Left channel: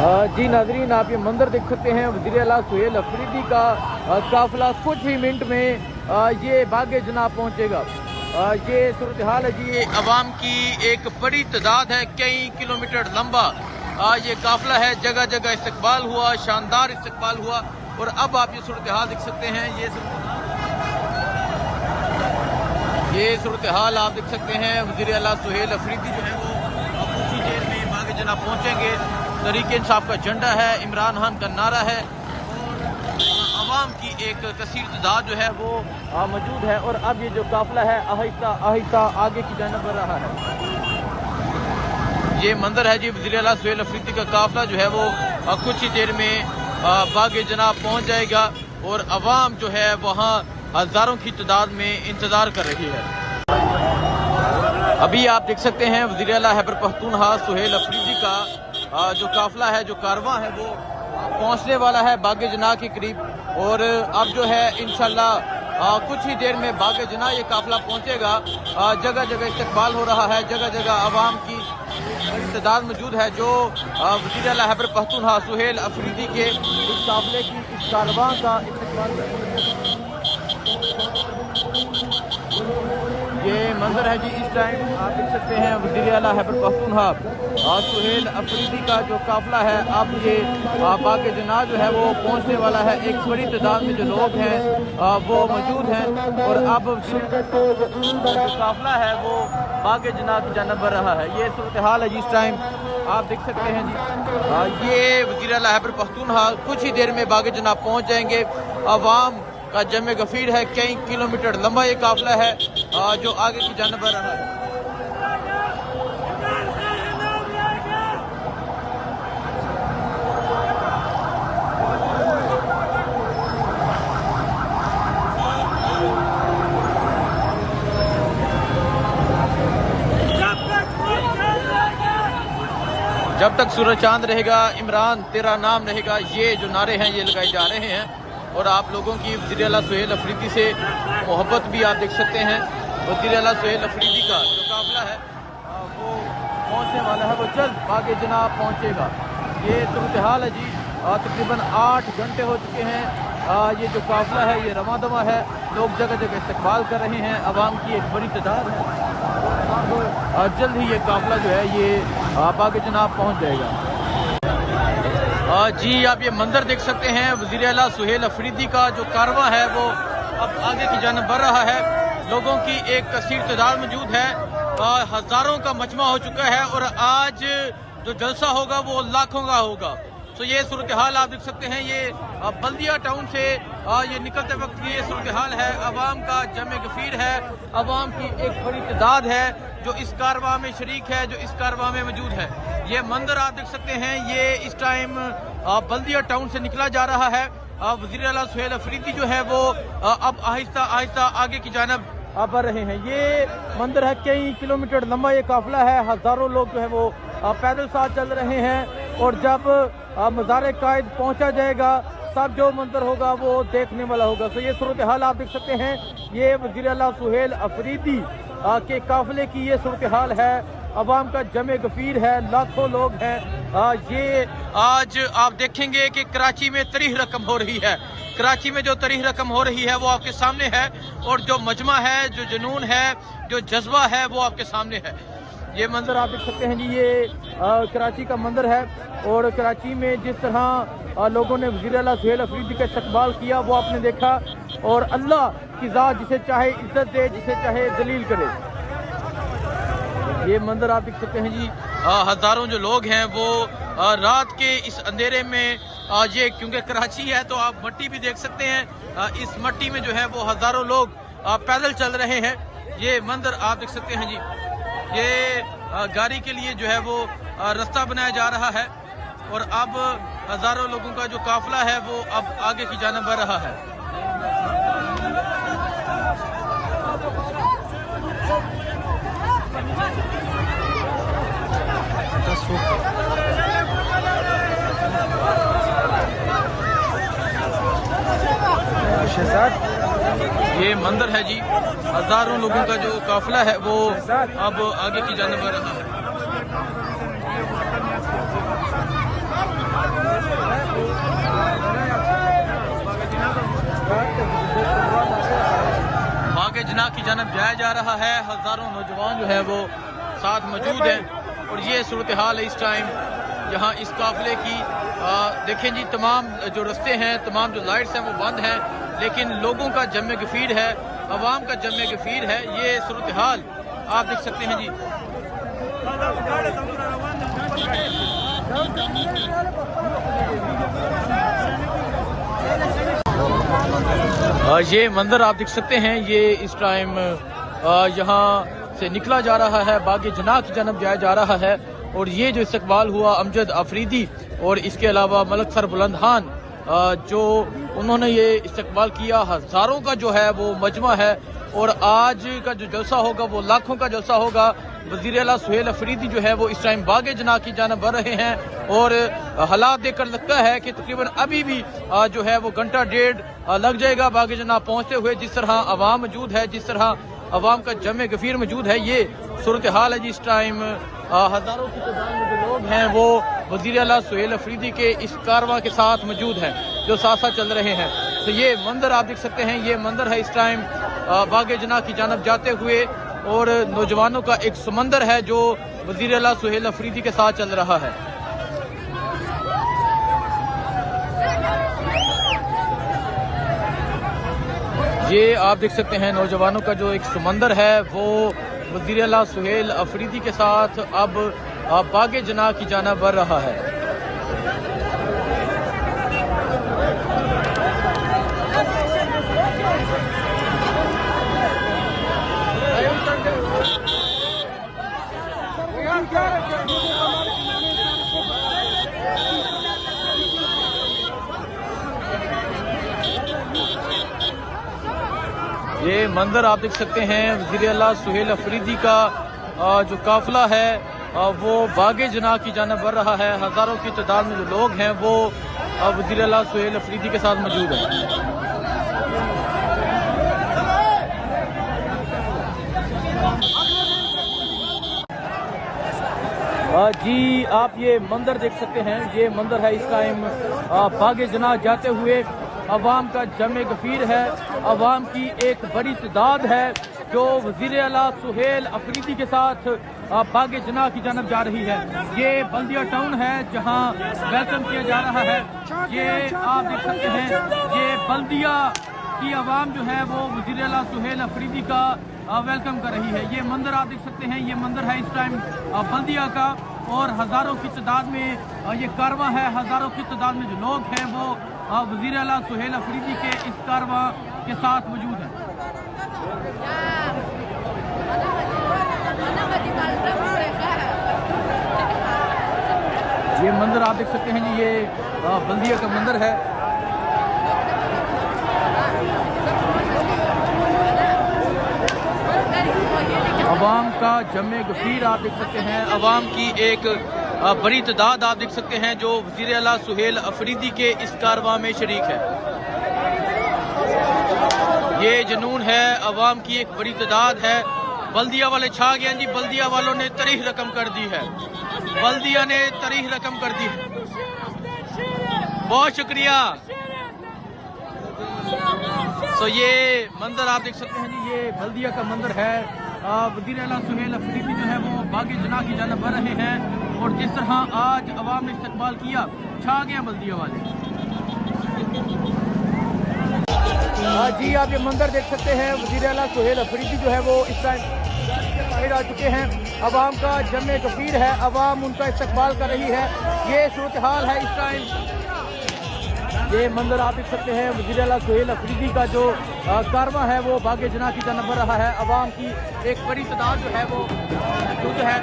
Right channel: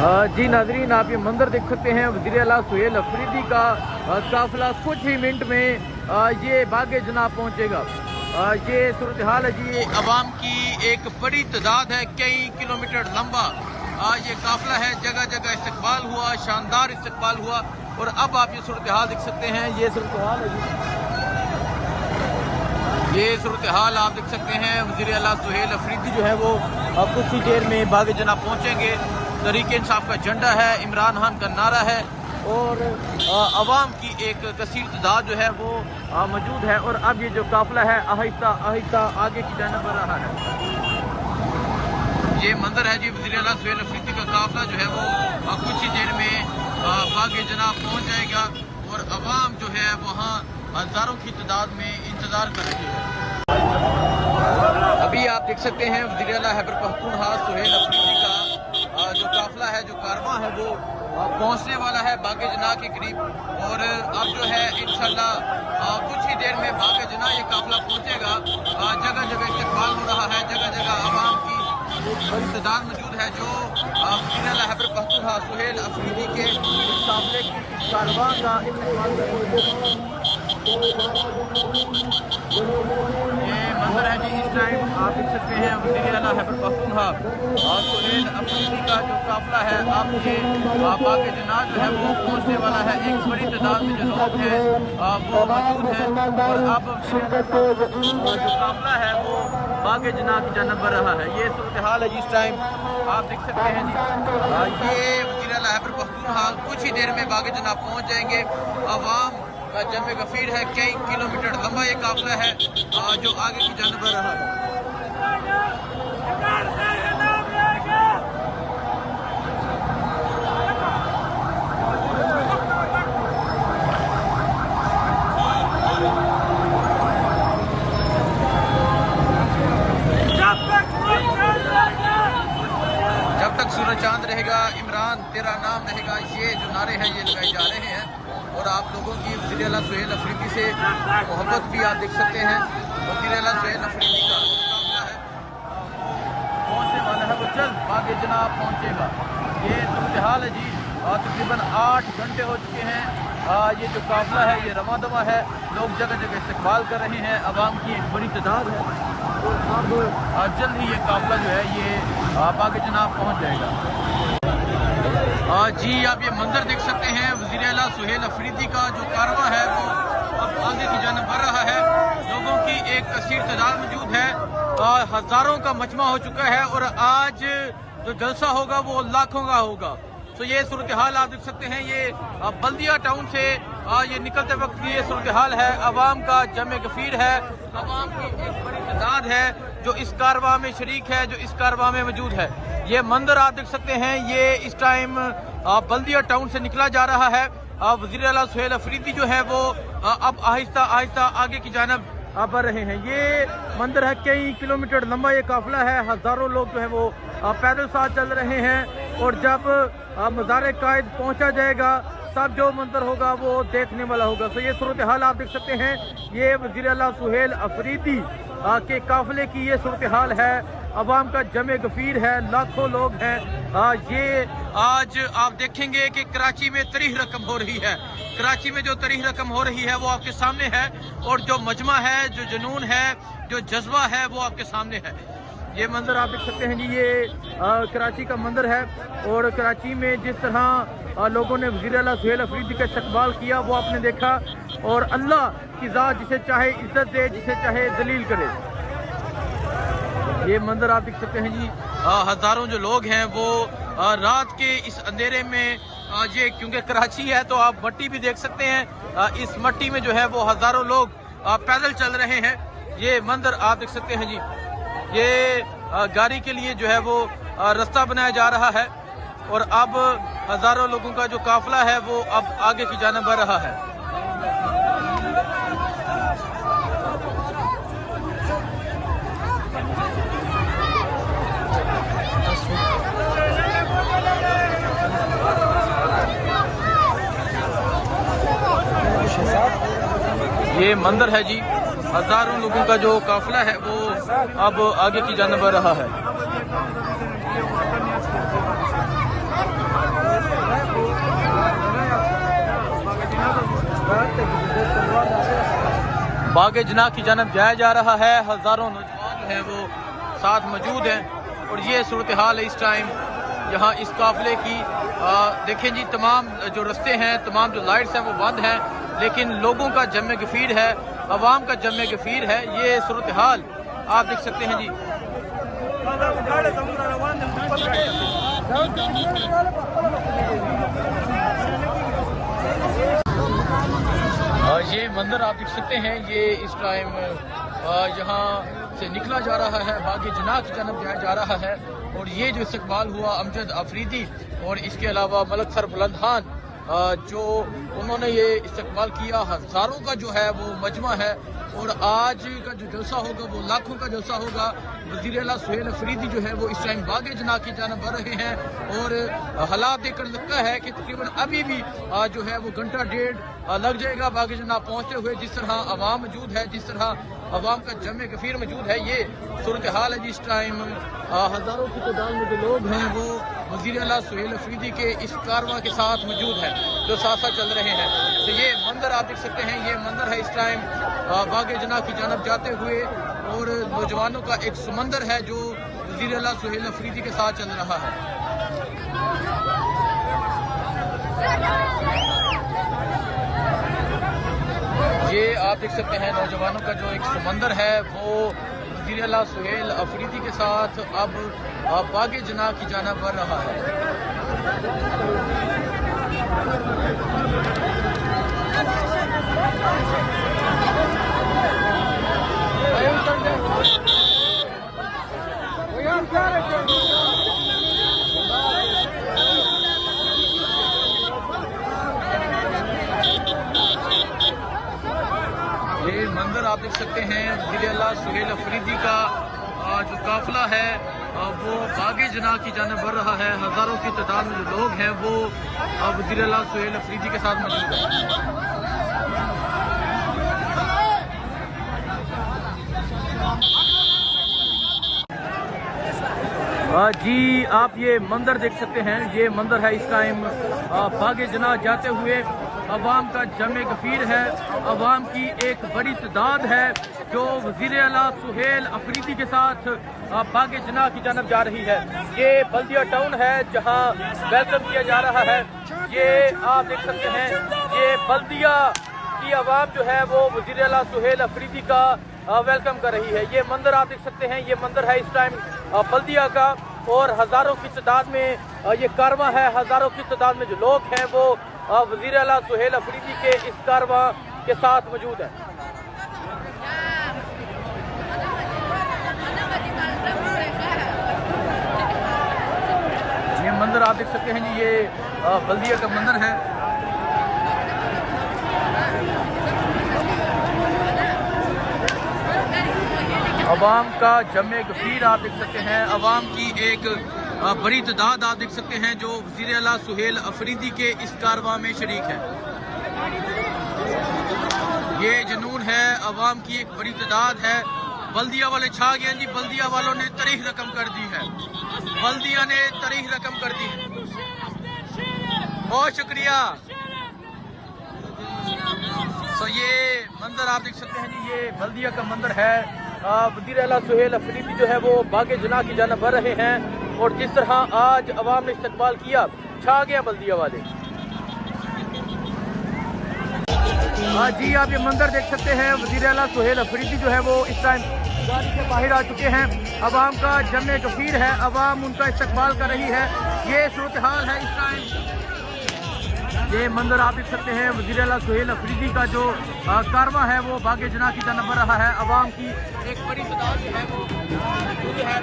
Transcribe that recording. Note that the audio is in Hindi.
जी नाजरीन, आप ये मंदिर देख सकते हैं वज़ीर आला सुहेल अफरीदी का काफिला कुछ ही मिनट में ये बागे जनाब पहुंचेगा। ये सूरत हाल है जी, अवाम की एक बड़ी तादाद है, कई किलोमीटर लंबा ये काफिला है, जगह जगह इस्तकबाल हुआ, शानदार इस्तकबाल हुआ। और अब आप ये सूरत हाल देख सकते हैं, ये सूरत हाल आप देख सकते हैं। वज़ीर आला सुहेल अफरीदी जो है वो कुछ ही देर में बागे जनाब पहुंचेंगे। तहरीक इंसाफ का झंडा है, इमरान खान का नारा है और अवाम की एक कसीर तादाद जो है वो मौजूद है। और अब ये जो काफिला है आहिस्ता आहिस्ता आगे की जानिब बढ़ रहा है। ये मंदिर है जी, वज़ीर आला सुहेल अफरीदी का काफिला जो है वो कुछ ही देर में बागे जनाब पहुंच जाएगा और अवाम जो है वहाँ हजारों की तादाद में इंतजार कर रही है। अभी आप देख सकते हैं वज़ीर आला खैबर पख्तूनख्वा सुहेल अफरीदी का जो काफिला है, जो कारवां है वो पहुंचने वाला है बागे जनाब के करीब। और अब जो है इंशाल्लाह कुछ ही देर में बागे जनाब ये काफिला पहुंचेगा। जगह जगह इस्तकबाल हो रहा है, जगह जगह आवाम की बड़ी तादाद मौजूद है जो वज़ीर आला खैबर पख्तूनख्वा सुहेल अफरीदी के इस काफिले की इस कारवां का इस्तकबाल कर रही है। ये मंदिर है जी, इस टाइम आप देख सकते हैं वज़ीर आला खैबर पख्तूनख्वा सुहेल अफरीदी का जो काफिला है अब ये बागे जनाब जो है वो पहुंचने वाला है। एक बड़ी तादाद में जो लोग हैं वो मौजूद हैं और अब जो काफिला है वो बागे जनाब की जानिब बढ़ रहा है। ये सूरत हाल है जी, इस टाइम आप देख सकते हैं जी। ये वज़ीर आला खैबर पख्तूनख्वा कुछ ही देर में बागे जनाब पहुंच जाएंगे। अवाम का जमे गफीर है, कई किलोमीटर लंबा ये काफिला है जो आगे की जानिब बढ़ रहा है। जब तक सूरज चांद रहेगा, इमरान तेरा नाम रहेगा, ये जो नारे हैं ये लगाए जा रहे हैं। और आप लोगों की वज़ीर आला सुहेल अफरीदी से मोहब्बत भी आप देख सकते हैं। वज़ीर आला सुहेल अफरीदी का जो काफिला है वो पहुंचने वाला है, वो जल्द बागे जनाब पहुंचेगा। ये सूरत हाल है जी, तकरीबन 8 घंटे हो चुके हैं। ये जो काफिला है ये रवा दवा है, लोग जगह जगह इस्तकबाल कर रहे हैं, अवाम की एक बड़ी तादाद है। अब जल्द ही ये काफिला जो है ये बागे जनाब पहुंच जाएगा। जी आप ये मंदिर देख सकते हैं, वज़ीर आला सुहेल अफरीदी का जो कारवां है वो अब आगे की जानिब बढ़ रहा है। लोगों की एक कसीर तादाद मौजूद है, हजारों का मजमा हो चुका है और आज जो जलसा होगा वो लाखों का होगा। तो ये सूरत हाल आप देख सकते हैं। ये बल्दिया टाउन से ये निकलते वक्त की ये सूरत हाल है। अवाम का जमे गफीर है, अवाम की एक बड़ी तादाद है जो इस कारवां में शरीक है, जो इस कारवां में मौजूद है। ये मंदिर आप देख सकते हैं, ये इस टाइम बल्दिया टाउन से निकला जा रहा है। वज़ीर आला सुहेल अफरीदी जो है वो अब आहिस्ता आहिस्ता आगे की जानिब बढ़ रहे हैं। ये मंदिर है, कई किलोमीटर लंबा ये काफिला है, हजारों लोग जो है वो पैदल साथ चल रहे हैं। और जब मज़ार कायद पहुंचा जाएगा तब जो मंदिर होगा वो देखने वाला होगा। तो ये सूरत हाल आप देख सकते हैं, ये वज़ीर आला सुहेल अफरीदी के काफिले की ये सूरत हाल है। अवाम का जमे गफीर है, लाखों लोग हैं। ये आज आप देखेंगे कि कराची में तरीह रकम हो रही है। कराची में जो तरीह रकम हो रही है वो आपके सामने है और जो मजमा है, जो जुनून है, जो जज्बा है वो आपके सामने है। ये मंदिर आप देख सकते हैं जी, ये कराची का मंदिर है और कराची में जिस तरह लोगों ने वज़ीर आला सुहेल अफरीदी का इस्तकबाल किया वो आपने देखा। और अल्लाह की ज़ात जिसे चाहे इज्जत दे, जिसे चाहे जलील करे। ये मंदिर आप देख सकते हैं जी, हजारों जो लोग हैं वो रात के इस अंधेरे में ये क्योंकि कराची है तो आप मट्टी भी देख सकते हैं, इस मट्टी में जो है वो हजारों लोग पैदल चल रहे हैं। ये मंदिर आप देख सकते हैं जी, ये गाड़ी के लिए जो है वो रास्ता बनाया जा रहा है और अब हजारों लोगों का जो काफिला है वो अब आगे की जानिब बढ़ रहा है। ये मंदिर है जी, हजारों लोगों का जो काफिला है वो अब आगे की जानिब बढ़ रहा है। बागे जना की जानब जाया जा रहा है। हजारों नौजवान जो हैं वो साथ मौजूद हैं और ये सूरत हाल है इस टाइम यहाँ इस काफिले की। देखें जी, तमाम जो रास्ते हैं, तमाम जो लाइट्स हैं वो बंद हैं, लेकिन लोगों का जमे गफीर है, अवाम का जमे गफीर है। ये सूरत हाल आप देख सकते हैं जी। ये मंजर आप देख सकते हैं, ये इस टाइम यहाँ से निकला जा रहा है, बागे जना की जानब जाया जा रहा है। और ये जो इस्तकबाल हुआ अमजद अफरीदी और इसके अलावा मलक सर बुलंद खान, जो उन्होंने ये इस्तकबाल किया, हजारों का जो है वो मजमा है। और आज का जो जलसा होगा वो लाखों का जलसा होगा। वज़ीर आला सुहेल अफरीदी जो है वो इस टाइम बागे जना की जानब बढ़ रहे हैं और हालात देखकर लगता है कि तकरीबन अभी भी जो है वो घंटा डेढ़ लग जाएगा बागे जना पहुंचते हुए। जिस तरह आवाम मौजूद है, जिस तरह आवाम का जमे गफीर मौजूद है, ये सूरत हाल है जी इस टाइम। हजारों की तादाद में जो लोग हैं वो वज़ीर आला सुहेल अफरीदी के इस कारवां के साथ मौजूद हैं जो साथ साथ चल रहे हैं। तो ये मंजर आप देख सकते हैं, ये मंजर है इस टाइम बागे जना की जानब जाते हुए और नौजवानों का एक समंदर है जो वज़ीर आला सुहेल अफरीदी के साथ चल रहा है। ये आप देख सकते हैं नौजवानों का जो एक समंदर है वो वज़ीर आला सुहेल अफरीदी के साथ अब बागे जना की जानब बढ़ रहा है। ये मंजर आप देख सकते हैं, वज़ीर आला सुहेल अफरीदी का जो काफिला है वो बागे जना की जानब बढ़ रहा है। हजारों की तादाद में जो लोग हैं वो वज़ीर आला सुहेल अफरीदी के साथ मौजूद हैं। जी आप ये मंजर देख सकते हैं, ये मंजर है इस टाइम बागे जना जाते हुए। अवाम का जमे गफीर है, अवाम की एक बड़ी तादाद है जो वज़ीर आला सुहेल अफरीदी के साथ बागे जना की जानब जा रही है। ये बल्दिया टाउन है जहां वेलकम किया जा रहा है। ये आप देख सकते हैं, ये बल्दिया की आवाम जो है वो वज़ीर आला सुहेल अफरीदी का वेलकम कर रही है। ये मंजर आप देख सकते हैं, ये मंजर है इस टाइम बल्दिया का और हजारों की तादाद में ये कारवां है, हजारों की तादाद में जो लोग हैं वो वज़ीर आला सुहेल अफरीदी के इस कारवां के साथ मौजूद है। ये मंजर आप देख सकते हैं जी, ये बल्दिया का मंजर है। अवाम का जमे गफीर आप देख सकते हैं, अवाम की एक बड़ी तादाद आप देख सकते हैं जो वज़ीर आला सुहेल अफरीदी के इस कारवां में शरीक है। ये जुनून है, अवाम की एक बड़ी तादाद है। बल्दिया वाले छा गए जी, बल्दिया वालों ने तारीख रकम कर दी है, बल्दिया ने तारीख रकम कर दी है। बहुत शुक्रिया। तो ये मंजर आप देख सकते हैं जी, ये बल्दिया का मंजर है। वज़ीर आला सुहेल अफरीदी जो है वो बागे जना की जानब बढ़ रहे हैं और जिस तरह आज अवाम ने इस्तकबाल किया, छा गया बल्दिया वाले। जी आप ये मंजर देख सकते हैं, वज़ीर आला सुहेल अफरीदी जो है वो इस टाइम गाड़ी से बाहर आ चुके हैं। अवाम का जमे गफीर है, अवाम उनका इस्तकबाल कर रही है। ये सूरत हाल है इस टाइम। ये मंजर आप देख सकते हैं, वज़ीर आला सुहेल अफरीदी का जो कारवां है वो बागे जना की जानब बढ़ रहा है। अवाम की एक बड़ी तादाद जो है वो मौजूद है।